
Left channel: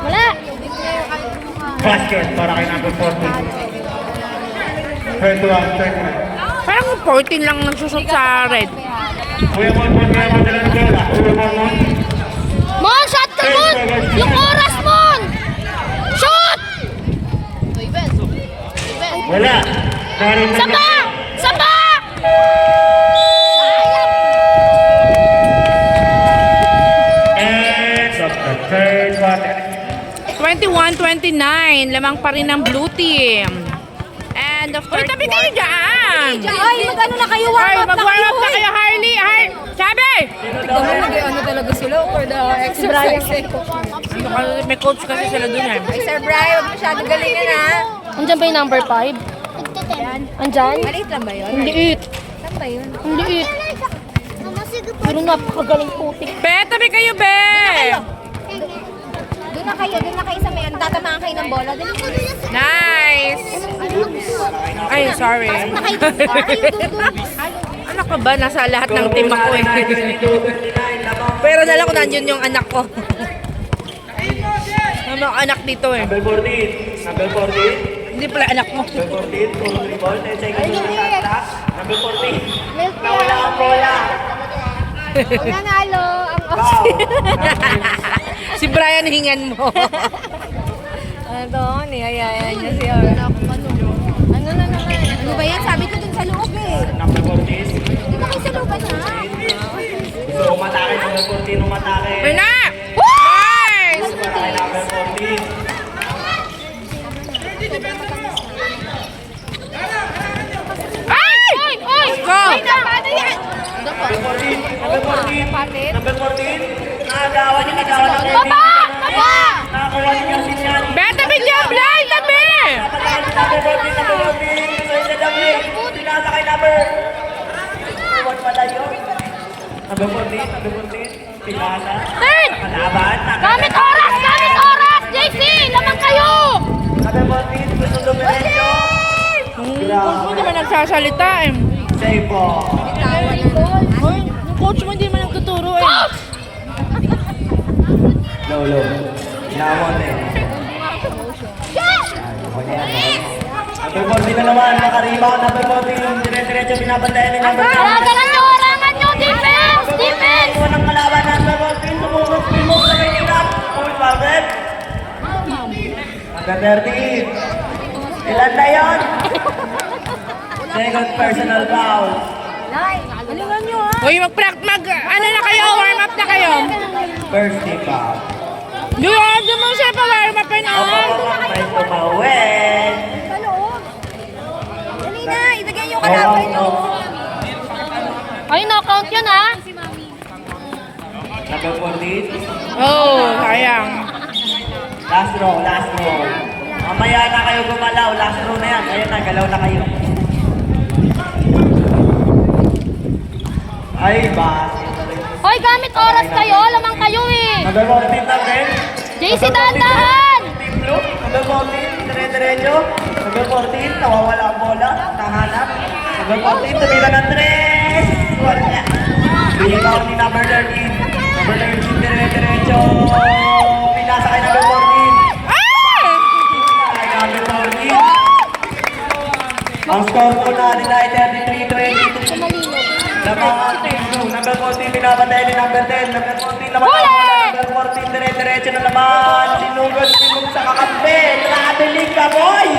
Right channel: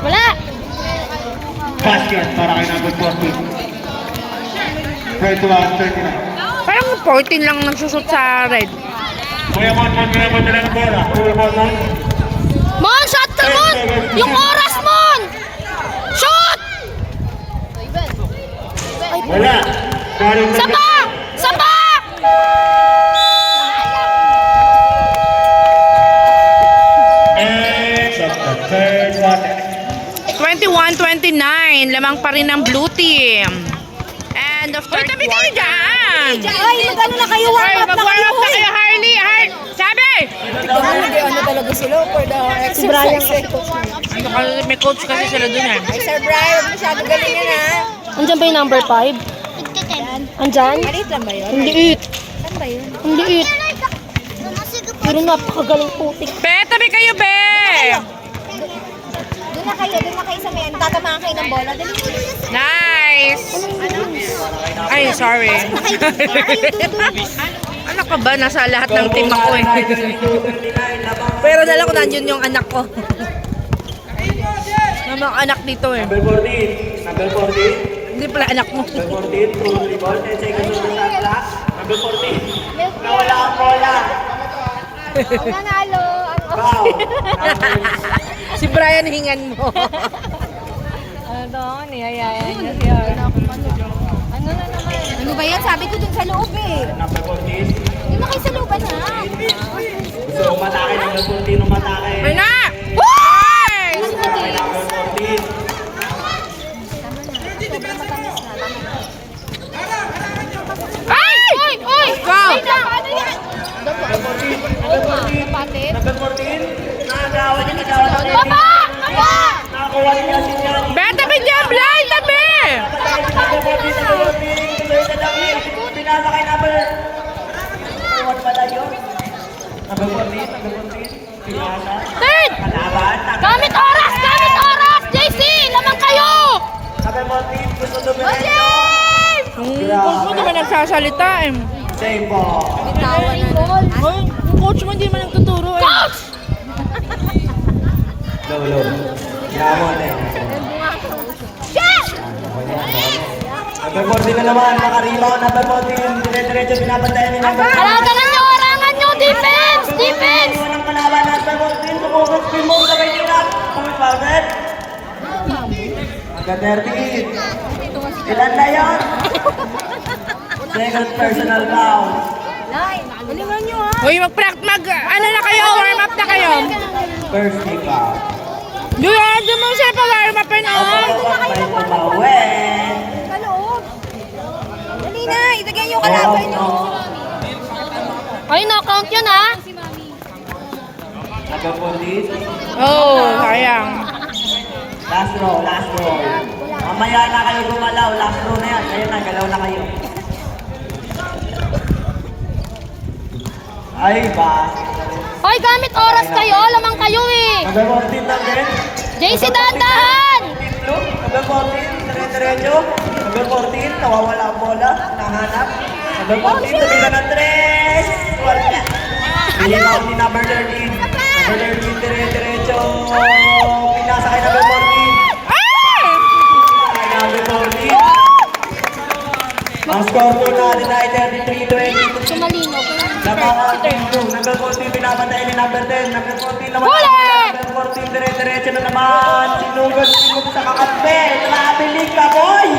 Wala! Basket para kay number 14. 21. Parang 14 lang nagsusot sa red. Kuya Mon dala ng bola. Kuya Mon. Mon, shot ka, Mon! Yung oras, Mon! Shot! Wala. Saba! Saba! Ends of the third quarter. 21-29. Lamang pa rin ang blue team. And the third quarter. Uy, tabi kayo dyan! Ay, ano na kayo? Hoy, mag-warm up na kayo, Harley! Sabi! Ano talaga sila for the exercise? Ano ka, may coach kasi sila dun eh. Ay, Sir Brian, masyadong galing yun, ha? Andiyan ba yung number 5? Andyan? Maliit lang ba yun? Ang liit. Saan ba yun? Ang liit. Pero napakagaling putik. Be, tabi kayo, Be! Doon na kayo sa may, tatamaan kayo ng bola. Dali. Nice! Ay, sorry. Ano ka ba? Nasa lahat ng team ako eh. Pero dala ko nandiyon yung anak ko. May mga anak dito eh. Number 14. Number 14. Hindi pala anak mo. Number 14. Tulong yung ball. 10 seconds on the shot clock. Number 14. Wala ang bola. Nanalo ang Wow. Si Brian hingan mo. Ano, niyayayan niya siya. Ano na naman? Ano ba yan? Sabi ko dun sa loob eh. Number 14. Doon na kayo sa looban ha? Gusto umatake. Number 14 umatake. Berna! Nice! Number 14. Ay! Let's go! Number 14. Nakagawa niya kasi ang Baba! Baba! nakakuha niya si Johnny. Be, tabi dyan, Blay! Tabi! Number 14. Number 14. Pinasa kay number. Iwan pala yun. Number 14. Number 14. Pinasa. Third! Kalaban. Gamit oras! Gamit oras! JC! Naman kayo! Number 14. Gusto dumiretso. Yung coach mo di ba nagsasalita eh. Save po. Hoy, yung coach mo hindi man nagtuturo eh. Lolo. Namon eh. Number 14 na naman. Nakarebound. Number 14. Dire-diretso pinabantayan ni number 14. Harangan nyo! Harangan nyo! Defense! Defense! Iwan ang kalaban. Number 14. Tumulog. Tumulog sa may tinap. Full fouled. Number 13. Ilan na yun? Second personal foul. Galingan nyo ha? Hoy, ano na kayo, warm up na kayo. First take out. Doon mo siya pa warm up and on. May tumawin. Sa loob. Dali na, ilagay yung kalaban nyo. Ay, no-count yun ha! Number 14. Oh, sayang. Last row, last row. Mamaya na kayo gumalaw. Last row na yan. Ayun na, galaw na kayo. Ay, basket na rin. Hoy, gamit oras kayo. Lamang kayo eh. Mag-14 na rin. JC, dahan-dahan! Team Blue, mag-14, dire-diretso. Mag-14, nawawala ang bola. Nahanap. Mag-14, tumila ng 3. Wala. Bigyan ako ni number 13. Number 13, dire-diretso. Pinasa kay number 14. Kay number 14. Ang score po natin ay 33-22. Lamang Team Blue. Number 14, pinapatay ni number 10. Number 14, naman ang bola. Number 14, dire-diretso na naman. Sinugod sa kakampi. Nabilig ka, boy!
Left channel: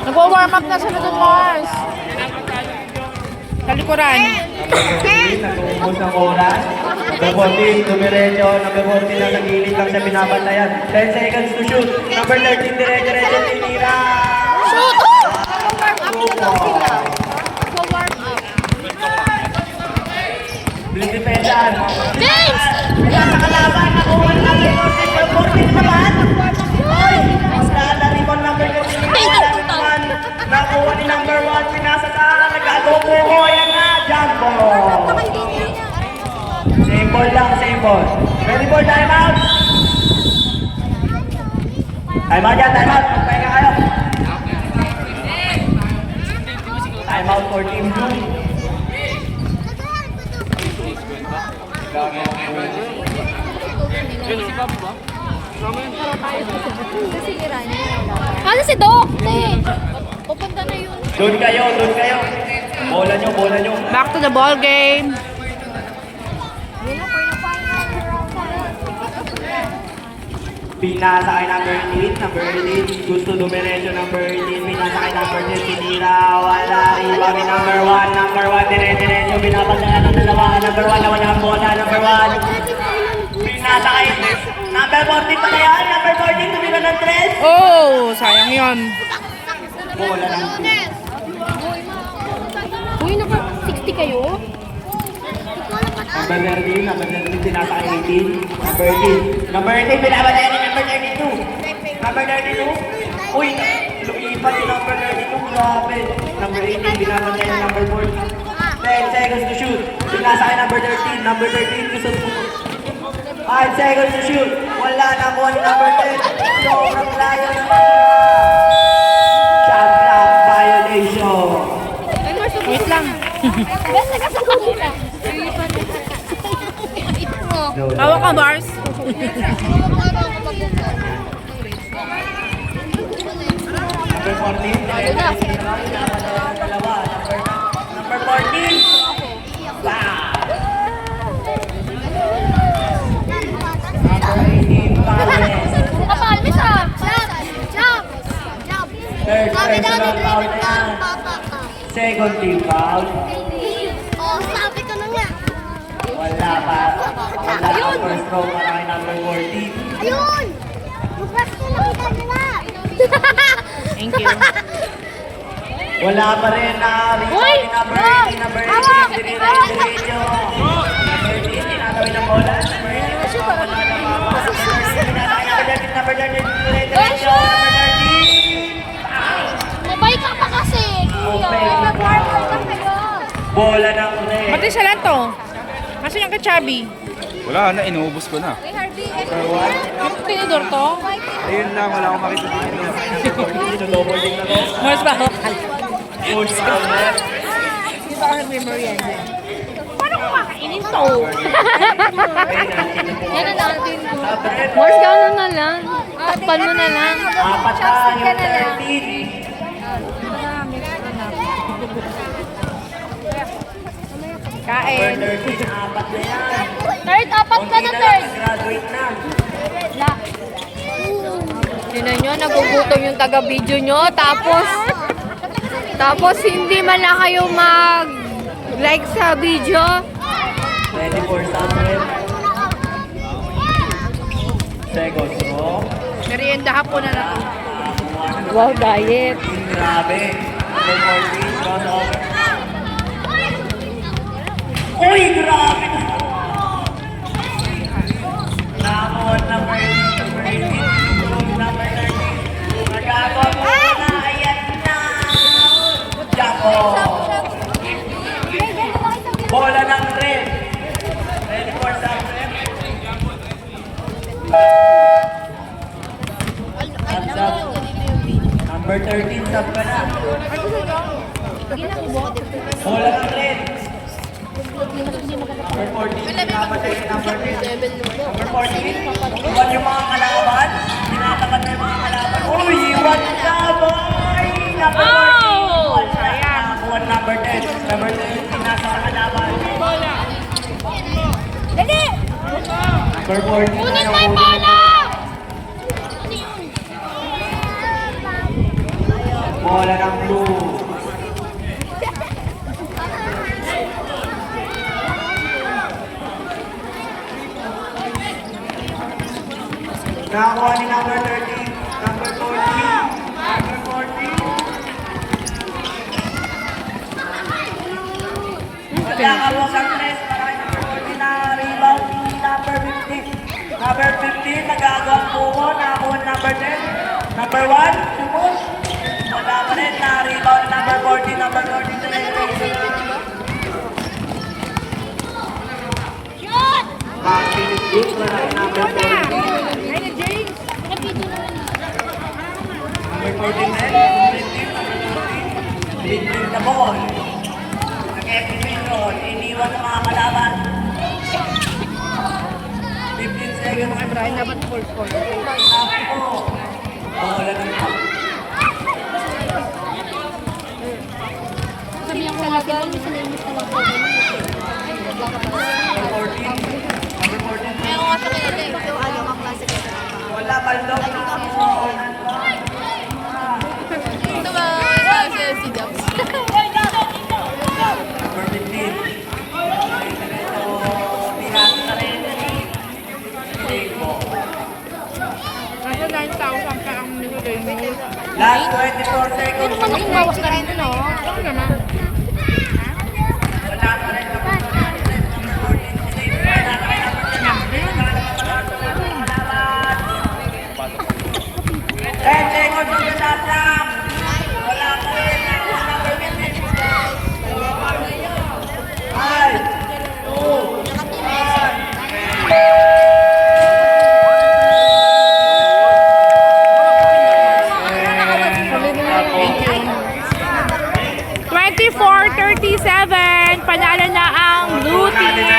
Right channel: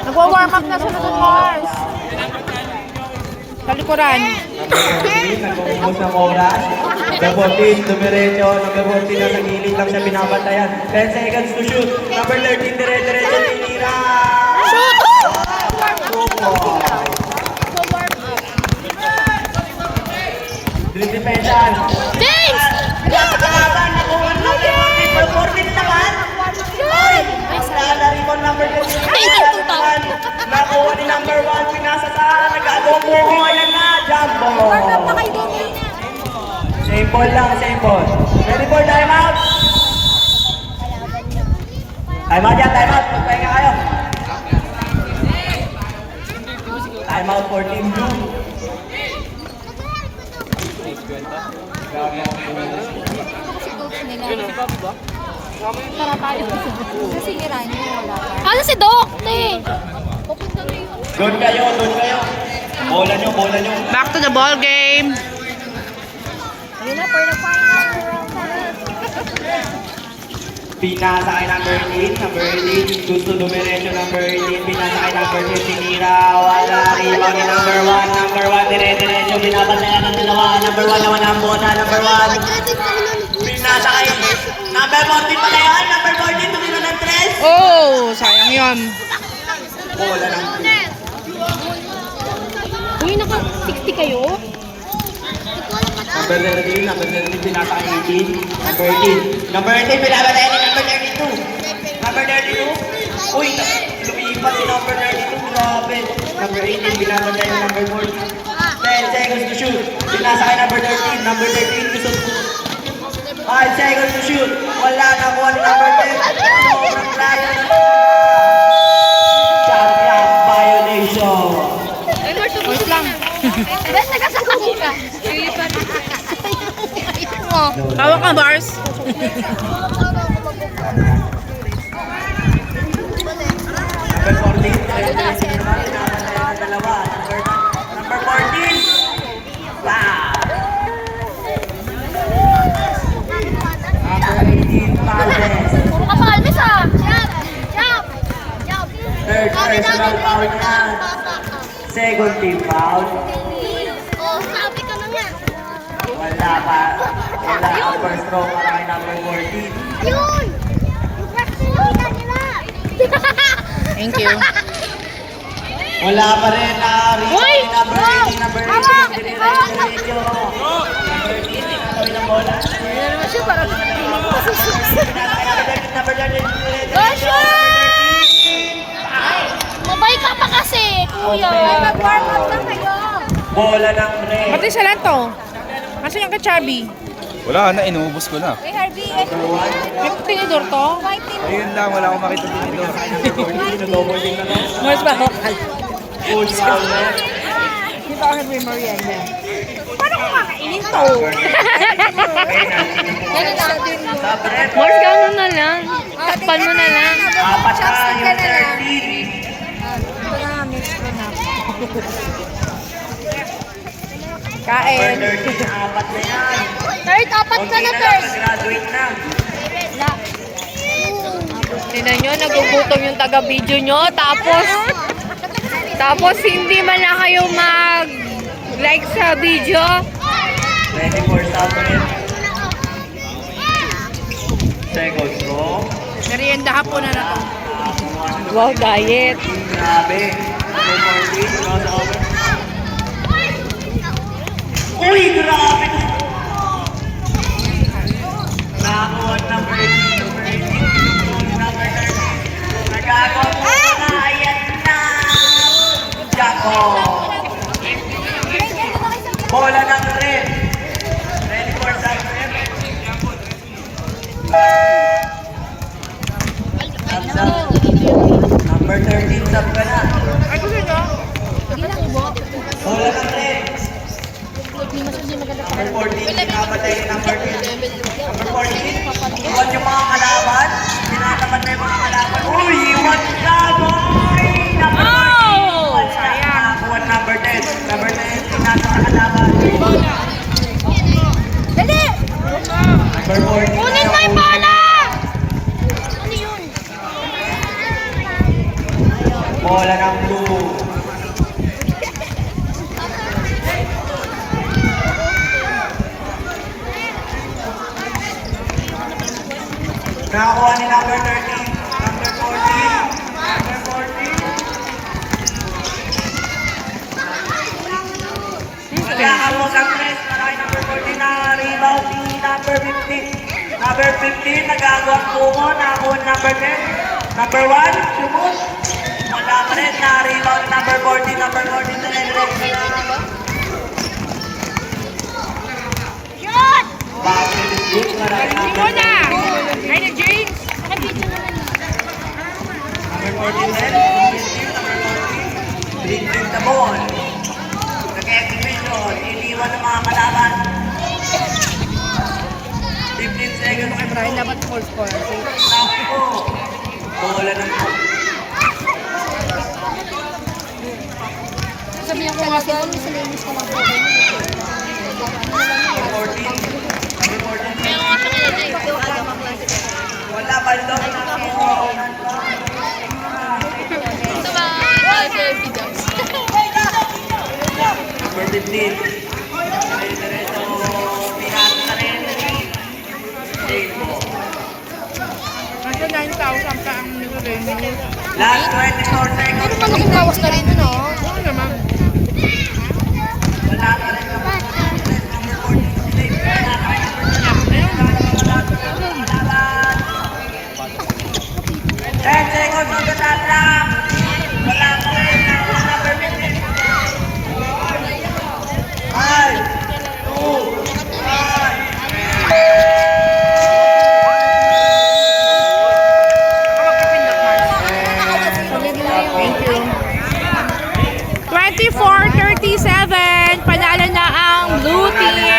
Nagwa-warm up na sa Madon Mars. Sa likuran. Number 14, nag-uubos ng oras. Number 14, dumiretso. Number 14, na nag-iinit lang siya binabantayan. 10 seconds to shoot. Number 13, dire-diretso, tinira. Shoot! Dinidepensan. James! Napakalaban, nakuha ng number 14 naman. Nasa-rebound number 14 naman. Nakuha ni number 1, pinasa sa nag-agogo. Ayan na, jump ball. Same ball lang, same ball. Ready for time out? Time out yan, time out. Magpahinga kayo. Time out for Team Blue. Ano si Doc? Pupunta na yun. Doon kayo, doon kayo. Bola nyo, bola nyo. Back to the ball game. Pinasa kay number 8, number 8. Gusto dumiretso number 8. Pinasa kay number 10, tinira. Wala, iwan ni number 1. Number 1, dire-diretso. Binabantayan ng dalawa. Number 1 naman ang bola. Number 1. Pinasa kay number 14 pala yan. Number 14, tumira ng 3. Oh, sayang yon. Bola ng 2. Uy, naka-60 kayo? Number 13, number 13, pinasa kay 18. Number 18. Number 18, binabantayan ni number 32. Number 32. Uy, lumipat si number 32. Grabe. Number 18, binabantayan ni number 4. 10 seconds to shoot. Pinasa kay number 13. Number 13, gusto 5 seconds to shoot. Wala na po ni number 10. Sobrang layo. Champion violation. Wait lang. Basta ka sa kumita. Tawag ka, Bars. Number 14, dalawa. Number 14. Wow. Number 18, Palmes. Kapalmis ah! Jump! Jump! Third personal foul na yan. Second team foul. Oh, sabi ka na nga. Wala pa. Wala pa first row para kay number 14. Yun! Magkakita nyo na! Thank you. Wala pa rin na Uy! number 18, number 18, diretso. Number 18, tinatawin ng bola. Number 18, panalo mama. Number 13, tinatawin number 13, diretso. Number 13. Mabay ka pa kasi, kuya. Bola ng red. Pati sa lang to. Asan yung kachabi? Wala na, inuubos ko na. Yung tinidor to? Ayun lang, wala akong makita dito. Mars ba lokal? Push foul na. Mars, gano'n na lang. Takpan mo na lang. Apat na yung 13. Kain. 13, apat na yan. Third, apat ka na, Konti third. lang, graduate na. Tingnan nyo, nagugutom yung taga-video nyo. Tapos hindi man lang kayo mag-like sa video. Ready for Samuel. Seconds mo. Merienda hapon na na to. Wow, diet. Grabe. Number 14, cross over. Number 13, sub ka na. Bola ng red. Number 14, pinamatay ni number 10. Number 14, iwan yung mga kalaban. Tinatapat na yung mga kalaban. Uy, iwan siya, boy! Nakakuha na number 10. Number 10, tinatapat sa kalaban. Dali! Number 14, Kunin na yung bola! bola ng blue. Nakakuha ni number 13, number 14, number 14. Nakakuha sa press, number 14 na rebound ni number 15. Number 15, nagagawa ang buko, nakakuha ni number 10. Number 1, sumot. Wala pa rin, na-rebound number 14, number 14 na nag-reaction na. Passing good, marami number 14. Ay, na James! Number 14 din, number 14. Big the ball. Nag-execution, iniwan ng mga kalaban. 15 seconds. Brian, dapat 4-4. Ako. Bola ng Sabi yung talaga, sa linis na number 14. Number 14. Wala pa rin daw na ako. Number 15. Nasa 9,000 ka ang nilagay niyo. Last 24 seconds. Ano ginawak na rin ano? Ano naman? Wala pa rin. Ten seconds on the shot clock. Wala pa rin. Number 15. 5, 2, 1. 24-37, panalo na ang blue team.